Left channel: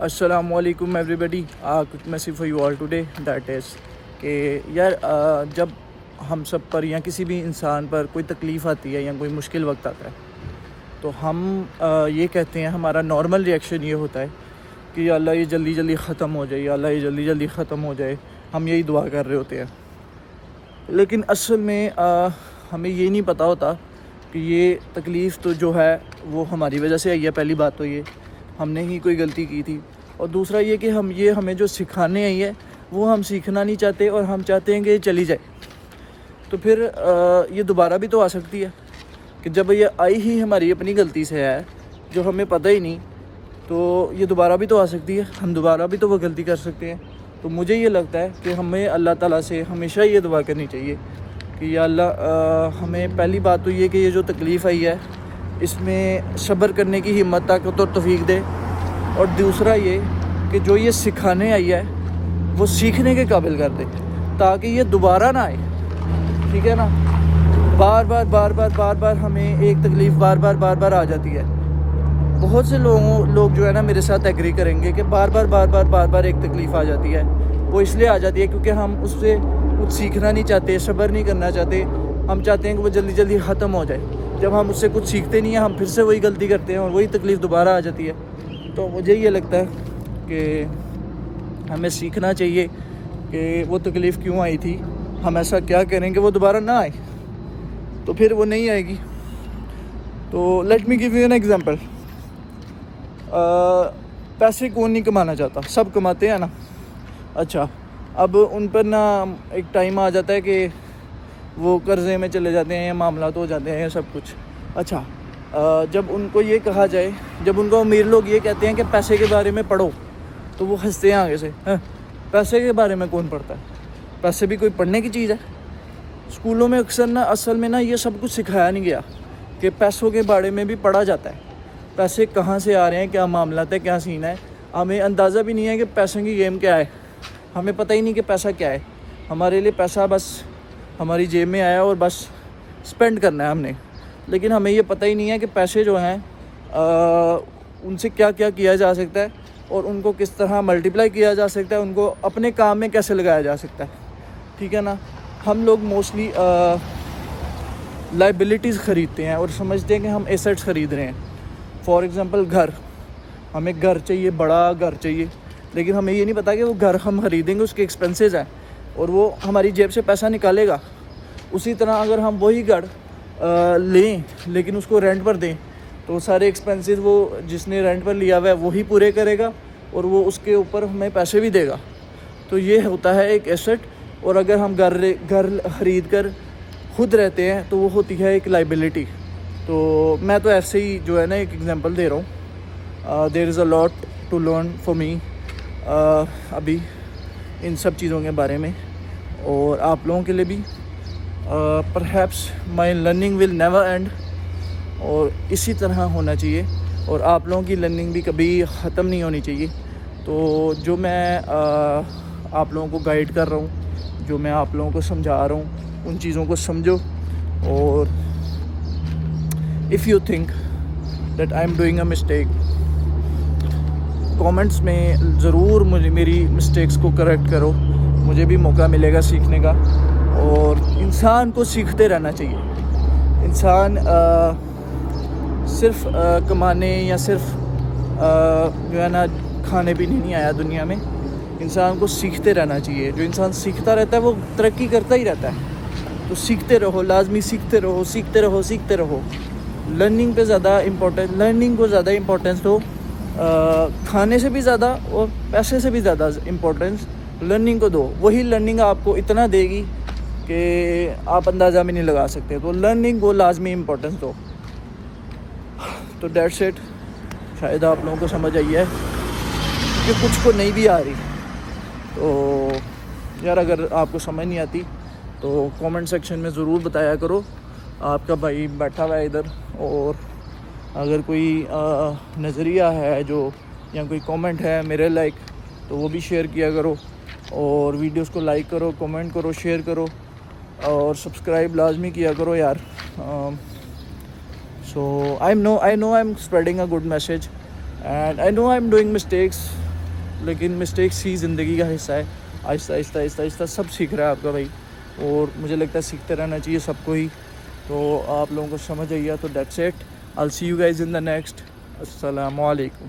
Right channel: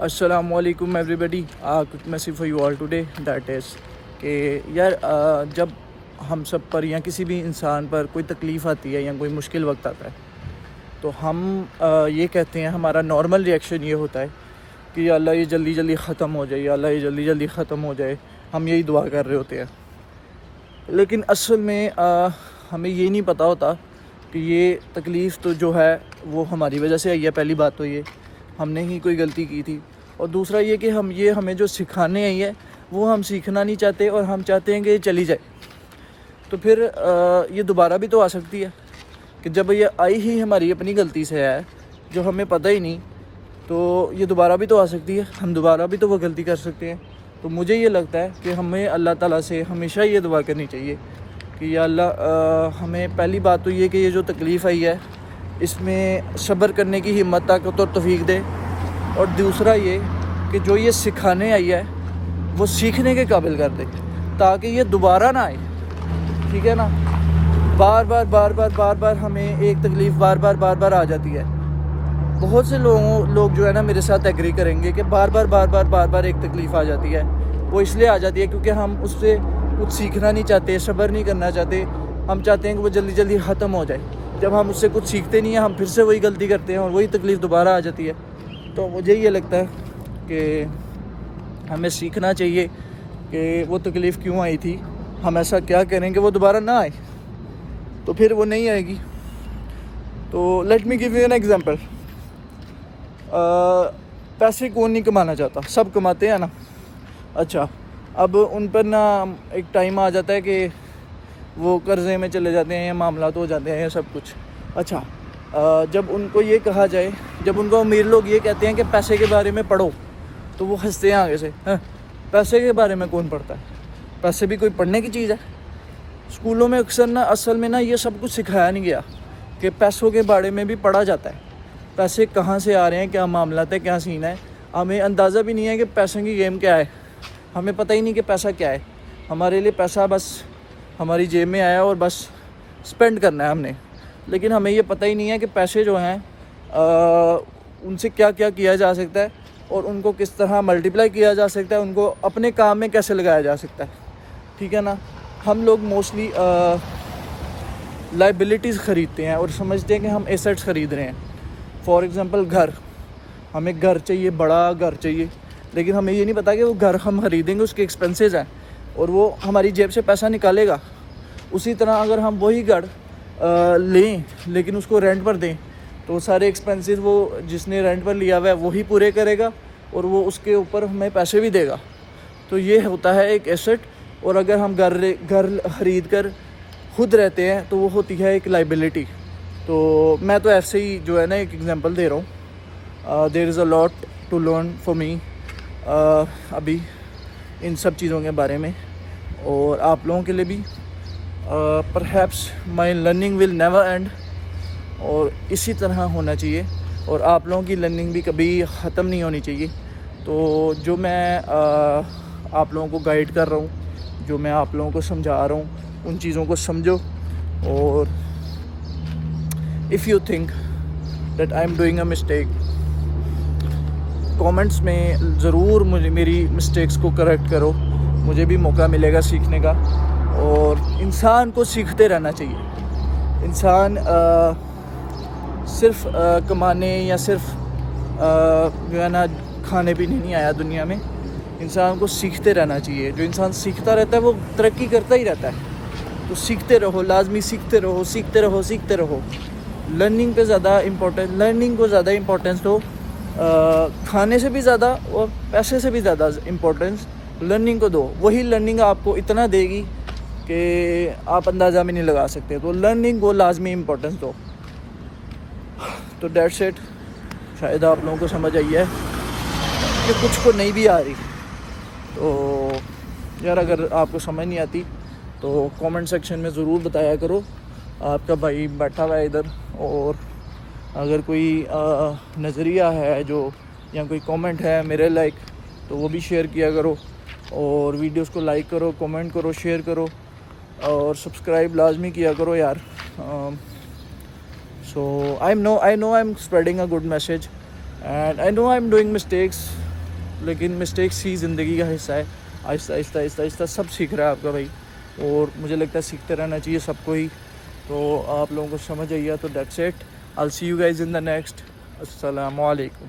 السلام علیکم ایوری بڈی. کچھ message for you all today that is کہ یار جب ہم سب پر یا کسی بھی انسان پر کوئی تکلیف آتی ہے یا کوئی مشکل وقت آتا ہے تو ہم یہ کہتے ہیں, ہمارا نارمل ریئیکشن یہ ہوتا ہے کہ یا اللہ یہ جلدی جلدی ختم ہو جائے, یا اللہ یہ جلدی جلدی ختم ہو جائے. ہم یہی دعا کر رہے ہوتے ہیں, لیکن اصل میں ہمیں یہ نہیں پتہ ہوتا کہ یہ تکلیف تو جو ہے وہ ہماری وجہ سے آئی ہے. پہلی بات تو یہ ہم نے ہی کوئی غلطی کی تھی, اور دوسرا یہ کہ ہمیں جو سکھانے آئی ہے وہ ہم سیکھنا نہیں چاہتے, اور ہم چاہتے ہیں کہ یہ چلی جائے. تو پھر یہ دوبارہ بھی تو آ سکتی ہے کہ جب یہ آئی ہی ہماری اپنی غلطی سے ہے جو ہمیں پتہ ہی نہیں, تو یہ دوبارہ بھی تو آ سکتی ہے, ہم دوبارہ بھی تو وہ غلطی کر سکتے ہیں. تو مجھے یہ لگتا ہے کہ ہمیں اللہ تعالیٰ سے ہمیشہ یہ دعا کرنی چاہیے کہ یا اللہ ہمیں پہلی بات تو یہ کہ یہ جو تکلیف آئی ہے اس میں صبر کرنے کی ہمت طاقت اور توفیق دے, اور دوسرا یہ کہ جو یہ سکھانے آئی ہے وہ سیکھنے کے قابل کر دے تاکہ یہ دوبارہ نہ آئے. ٹھیک ہے نا, بار بار ہمیں ایک تکلیف بار بار آ جاتی ہے. بہت سے لوگ جو ہے نا میرے ساتھ ایگری کریں گے کہ بار بار ایک تکلیف آ جاتی ہے. وہ اس لیے آ جاتی ہے کیونکہ ہم اس سے کچھ سیکھنا نہیں چاہتے, صبر نہیں کرنا چاہتے. ہم چاہتے ہیں کہ وہ جلدی جلدی ختم ہو جائے. جب ہم اس سے کچھ سیکھتے نہیں ہیں ہم پھر سے وہی غلطی کرتے ہیں اور وہی تکلیف دوبارہ آ جاتی ہے. تو مجھے یہ لگتا ہے کہ ہمیں سیکھنا چاہیے کہ وہ تکلیف کیوں آئی تھی, ہم ایسا کیا کریں کہ وہ دوبارہ نہ آئے, تو پھر وہ نہیں آئے گی. تو let me give you an example. پیسے کون نہیں کمانا چاہتا, سب کماتے ہیں نا. اچھا, اب ان پر نا ایک ٹائم آ جاتا ہے کہ وہ قرضے میں چلے جاتے ہیں, معاملات ہو جاتے ہیں سب کچھ. اچھا, جب ان کو یہ کہا جائے, جب ان کو امیر لوگ یہ کہتے ہیں کہ پیسے کے بارے میں پڑھو, تو وہ ہنستے ہیں آگے سے. پیسے کے بارے میں کون پڑھتا ہے؟ پیسے بھی کوئی پڑھنے کی چیز ہے؟ اسکولوں میں اکثر نا اصل میں نا یہ سب کچھ سکھایا نہیں گیا کہ پیسوں کے بارے میں بھی پڑھا جاتا ہے. پیسے کہاں سے آ رہے ہیں, کیا معاملات ہے, کیا سین ہے. ہمیں اندازہ بھی نہیں ہے کہ پیسوں کی گیم کیا ہے. ہمیں پتہ ہی نہیں کہ پیسہ کیا ہے. ہمارے لیے پیسہ بس ہماری جیب میں آیا اور بس سپینڈ کرنا ہے ہم نے. لیکن ہمیں یہ پتہ ہی نہیں ہے کہ پیسے جو ہیں ان سے کیا کیا کیا جا سکتا ہے, اور ان کو کس طرح ملٹیپلائی کیا جا سکتا ہے, ان کو اپنے کام میں کیسے لگایا جا سکتا ہے. ٹھیک ہے نا. ہم لوگ موسٹلی لائبلٹیز خریدتے ہیں اور سمجھتے ہیں کہ ہم ایسٹس خرید رہے ہیں. فار ایگزامپل گھر, ہمیں گھر چاہیے, بڑا گھر چاہیے, لیکن ہمیں یہ نہیں پتا کہ وہ گھر ہم خریدیں گے اس کے ایکسپینسز ہیں اور وہ ہماری جیب سے پیسہ نکالے گا. اسی طرح اگر ہم وہی گھر لیں لیکن اس کو رینٹ پر دیں تو سارے ایکسپینسز وہ جس نے رینٹ پر لیا ہوا ہے وہی پورے کرے گا اور وہ اس کے اوپر ہمیں پیسے بھی دے گا. تو یہ ہوتا ہے ایک ایسٹ. اور اگر ہم گھر خرید کر خود رہتے ہیں تو وہ ہوتی ہے ایک لائبلٹی. تو میں تو ایسے ہی جو ہے نا ایک ایگزامپل دے رہا ہوں. There is a lot to learn for me ابھی ان سب چیزوں کے بارے میں, اور آپ لوگوں کے لیے بھی. Perhaps my learning will never and, اور اسی طرح ہونا چاہیے, اور آپ لوگوں کی لرننگ بھی کبھی ختم نہیں ہونی چاہیے. تو جو میں آپ لوگوں کو گائیڈ کر رہا ہوں, جو میں آپ لوگوں کو سمجھا رہا ہوں, ان چیزوں کو سمجھو. اور if you think that I am doing a mistake, comments میں ضرور میری مسٹیکس کو کریکٹ کرو, مجھے بھی موقع ملے گا سیکھنے کا. اور انسان کو سیکھتے رہنا چاہیے. انسان صرف کمانے یا صرف جو ہے نا کھانے پینے نہیں آیا دنیا میں. انسان کو سیکھتے رہنا چاہیے. جو انسان سیکھتا رہتا ہے وہ ترقی کرتا ہی رہتا ہے. تو سیکھتے رہو, لازمی سیکھتے رہو. لرننگ پہ زیادہ امپورٹنس, لرننگ کو زیادہ امپورٹنس دو. کھانے سے بھی زیادہ اور پیسے سے بھی زیادہ امپورٹنس لرننگ کو دو. وہی لرننگ آپ کو اتنا دے گی کہ آپ اندازہ بھی نہیں لگا سکتے. تو لرننگ کو لازمی امپورٹنس دو. تو دیٹس اٹ. شاید آپ لوگوں کو سمجھ آئی ہے کہ کچھ کو نہیں بھی آ رہی. تو یار اگر آپ کو سمجھ نہیں آتی تو کامنٹ سیکشن میں ضرور بتایا کرو. آپ کا بھائی بیٹھا ہوا ہے ادھر, اور اگر کوئی نظریہ ہے جو یا کوئی کامنٹ ہے میرے لائک تو وہ بھی شیئر کیا کرو. اور ویڈیوز کو لائک کرو, کامنٹ کرو, شیئر کرو, اور سبسکرائب لازمی کیا کرو یار. سو I know I'm spreading a good message, and I know I'm doing mistakes. لیکن مسٹیکس ہی زندگی کا حصہ ہے. آہستہ آہستہ آہستہ آہستہ سب سیکھ رہا ہے آپ کا بھائی, اور مجھے لگتا ہے سیکھتے رہنا چاہیے سب کو ہی. تو آپ لوگوں کو سمجھ آئیے, تو that's it. I'll see you guys in the next. السلام علیکم.